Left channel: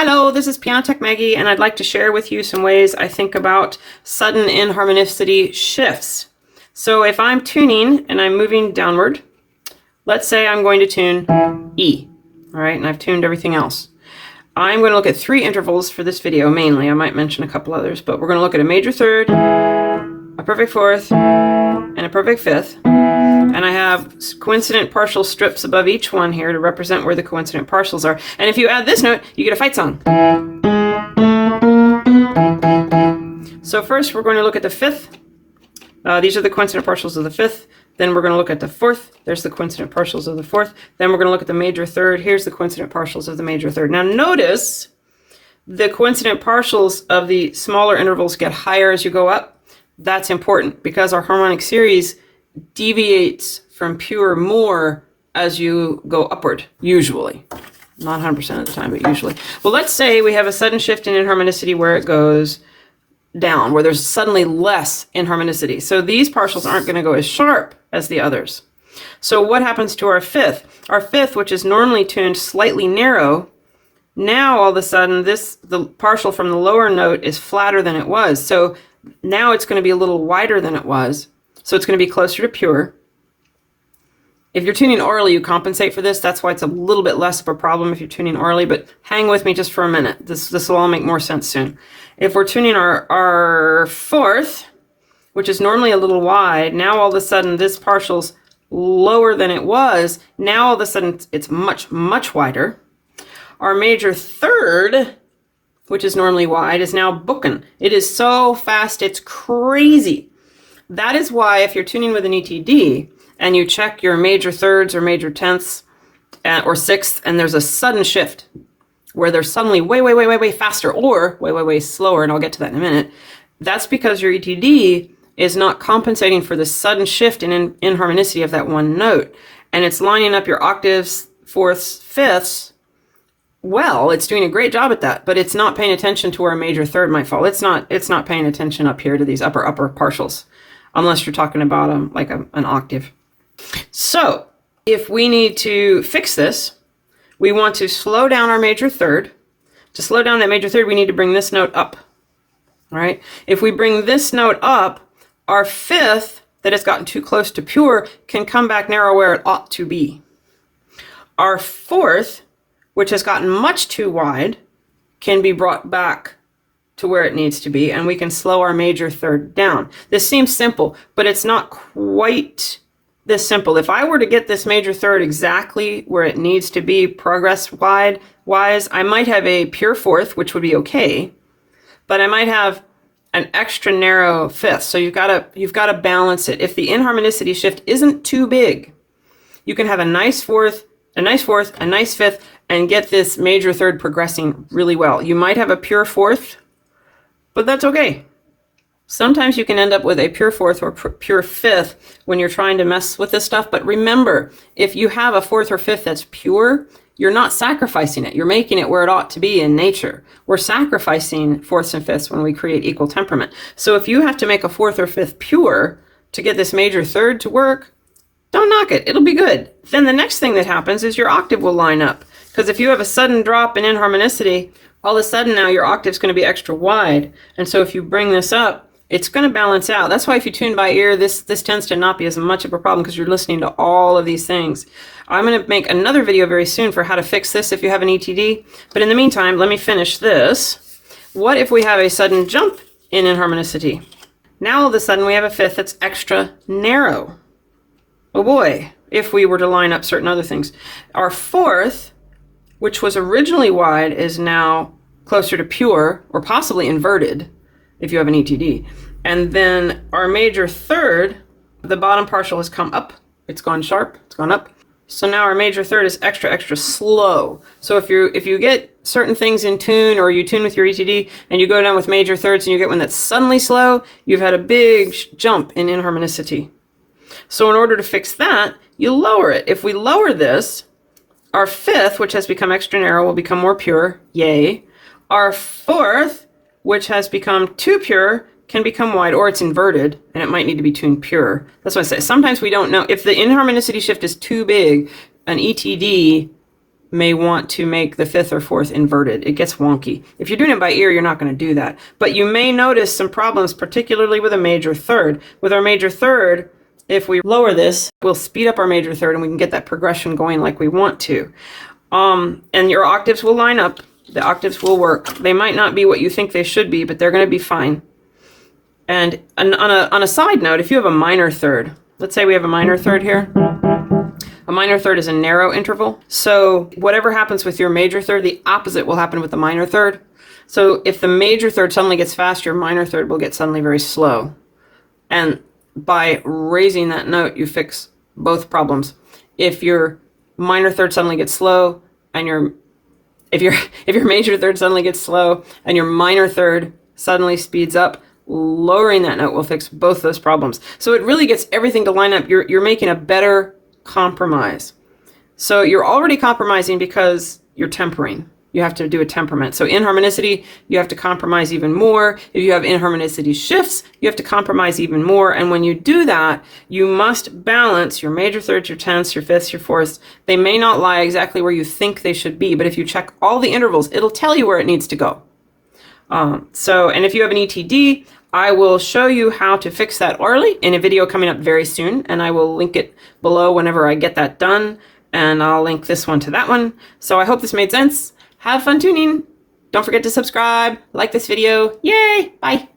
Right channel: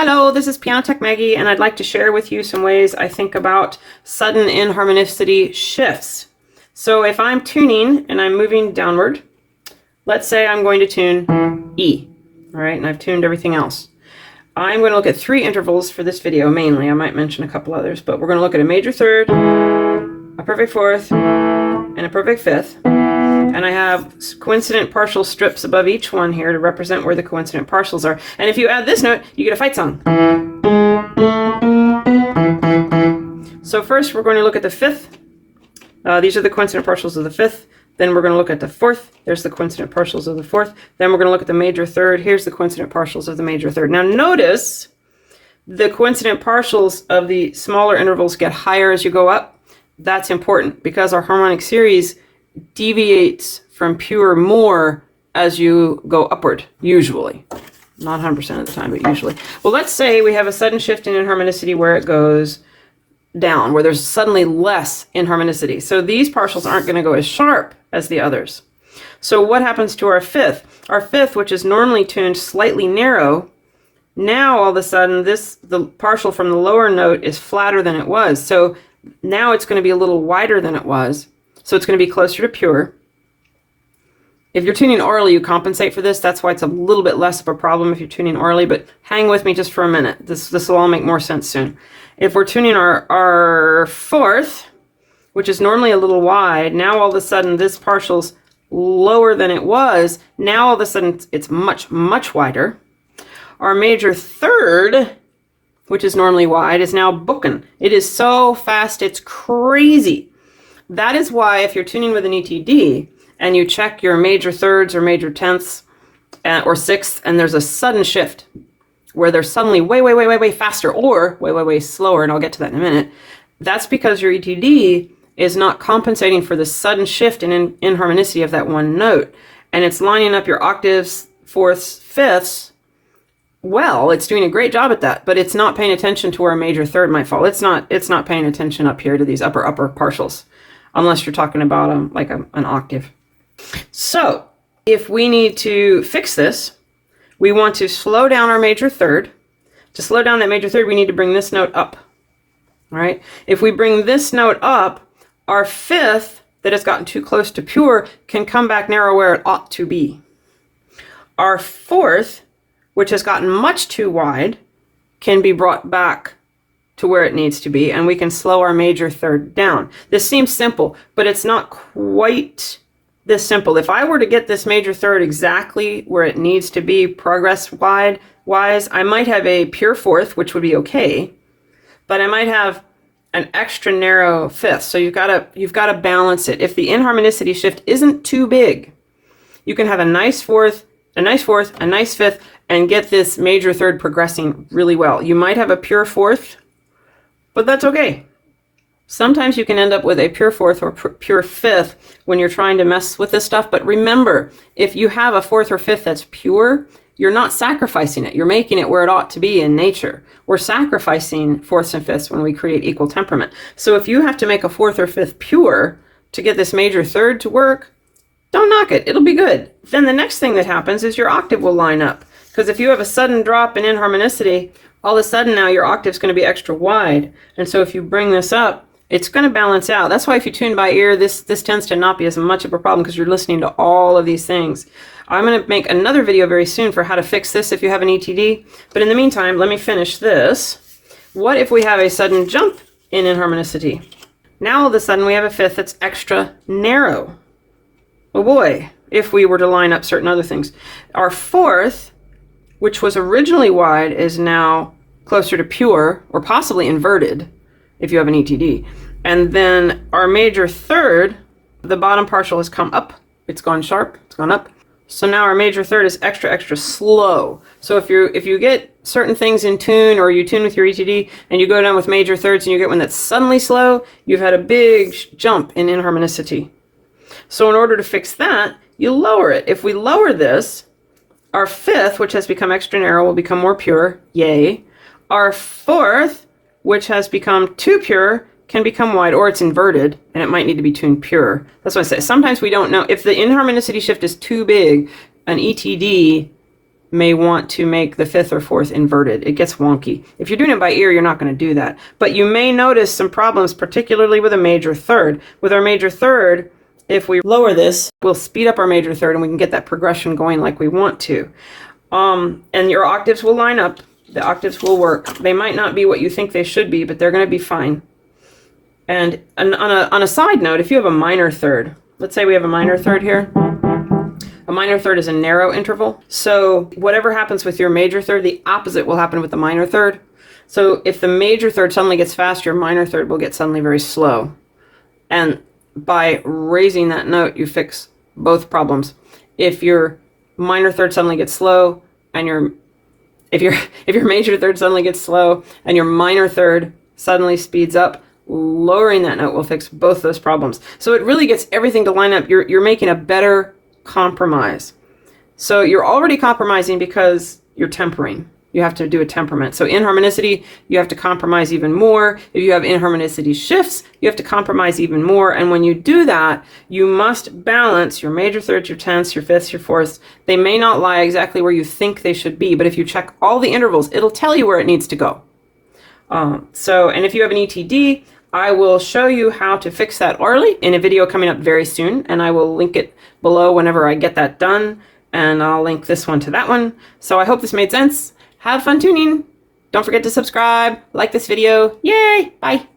Hello, this is Piano Tech Maggie, and I'd like to share with you some ways I think about sudden inharmonicity shifts. So if I'm tuning and I'm moving downward, let's say I'm going to tune E, all right, and I've tuned everything else. I'm going to look at 3 intervals for this video mainly. I might mention a couple others, but we're going to look at a major third, a perfect fourth, and a perfect fifth. And I have coincident partial strips above each one here to represent where the coincident partials are. And if you add this note, you get a fight song. So first we're going to look at the fifth. These are the coincident partials of the fifth. Then we're going to look at the fourth. There's the coincident partials of the fourth. Then we're going to look at the major third. Here's the coincident partials of the major third. Now notice the coincident partials of the smaller intervals get higher as you go up. That's important because our harmonic series deviates from pure more as you go upward, usually. Not 100% of the time, but usually. Well, let's say we have a sudden shift in inharmonicity where it goes down, where there's suddenly less inharmonicity. So these partials aren't going to go as sharp as the others. So what happens to our fifth? Our fifth, which is normally tuned slightly narrow, now all of a sudden the partial from the lower note is flatter than it was. So now it's going to be a little wider than it was. So it's going to be closer to pure. If you're tuning orally, you compensate for this. That's why it's a little bit less of a problem if you're tuning orally, but hang with me just for a minute. This will all make more sense soon. If we're tuning our fourth, which is normally a little wide, now all of a sudden this partial's lower than it was. Now all of a sudden it's much, much wider. Our major third, which is normally wide, is now booking. It is so fast, it's crazy. That is why if you're tuning with an ETD and you check your major thirds or major tenths or sixths and there's a sudden shift where they're suddenly way faster or way slower, and I'll get to that in a minute, that's because your ETD is not compensating for the sudden shift in inharmonicity of that one note. And it's lining up your octaves, fourths, fifths. Well, it's doing a great job at that, but it's not paying attention to where a major third might fall. It's not paying attention up here to these upper partials. Unless you're talking about like an octave. So if we need to fix this, we want to slow down our major third. To slow down that major third, we need to bring this note up. All right. If we bring this note up, our fifth that has gotten too close to pure can come back narrow where it ought to be. Our fourth, which has gotten much too wide, can be brought back to where it needs to be, and we can slow our major third down. This seems simple, but it's not quite this simple. If I were to get this major third exactly where it needs to be progress-wise, I might have a pure fourth, which would be okay, but I might have an extra narrow fifth. So you've got to balance it. If the inharmonicity shift isn't too big, you can have a nice fourth, a nice fifth, and get this major third progressing really well. You might have a pure fourth, but that's okay. Sometimes you can end up with a pure fourth or pure fifth when you're trying to mess with this stuff. But remember, if you have a fourth or fifth that's pure, you're not sacrificing it. You're making it where it ought to be in nature. We're sacrificing fourths and fifths when we create equal temperament. So if you have to make a fourth or fifth pure to get this major third to work, don't knock it. It'll be good. Then the next thing that happens is your octave will line up. Because if you have a sudden drop in inharmonicity, all of a sudden now your octave's going to be extra wide. And so if you bring this up, it's going to balance out. That's why if you tune by ear, this tends to not be as much of a problem because you're listening to all of these things. I'm going to make another video very soon for how to fix this if you have an ETD. But in the meantime, let me finish this. What if we have a sudden jump in inharmonicity? Now all of a sudden we have a fifth that's extra narrow. Oh boy, if we were to line up certain other things. Our fourth, which was originally wide, is now closer to pure or possibly inverted if you have an ETD. And then our major third, the bottom partial has come up. It's gone sharp, it's gone up. So now our major third is extra slow. So if you get certain things in tune, or you tune with your ETD and you go down with major thirds and you get one that's suddenly slow, you've had a big jump in inharmonicity. So in order to fix that, you lower it. If we lower this, our fifth, which has become extra narrow, will become more pure. Yay. Our fourth, which has become too pure, can become wide, or it's inverted, and it might need to be tuned pure. That's why I say sometimes we don't know. If the inharmonicity shift is too big, an ETD may want to make the fifth or fourth inverted. It gets wonky. If you're doing it by ear, you're not going to do that. But you may notice some problems, particularly with a major third. With our major third, if we lower this, we'll speed up our major third and we can get that progression going like we want to. And your octaves will line up. The octaves will work. They might not be what you think they should be, but they're going to be fine. And on a side note, if you have a minor third, let's say we have a minor third here. A minor third is a narrow interval. So whatever happens with your major third, the opposite will happen with the minor third. So if the major third suddenly gets fast, your minor third will get suddenly very slow. And by raising that note, you fix both problems. If your minor third suddenly gets slow, and if your major third suddenly gets slow, and your minor third suddenly speeds up, lowering that note will fix both those problems. So it really gets everything to line up. You're making a better compromise. So you're already compromising because you're tempering. You have to do a temperament. So in harmonicity, you have to compromise even more. If you have inharmonicity shifts, you have to compromise even more. And when you do that, you must balance your major thirds, your tenths, your fifths, your fourths. They may not lie exactly where you think they should be, but if you check all the intervals, it'll tell you where it needs to go. And if you have an ETD, I will show you how to fix that early in a video coming up very soon, and I will link it below whenever I get that done, and I'll link this one to that one. So I hope this made sense. Have fun tuning. Don't forget to subscribe, like this video. Yay! Bye.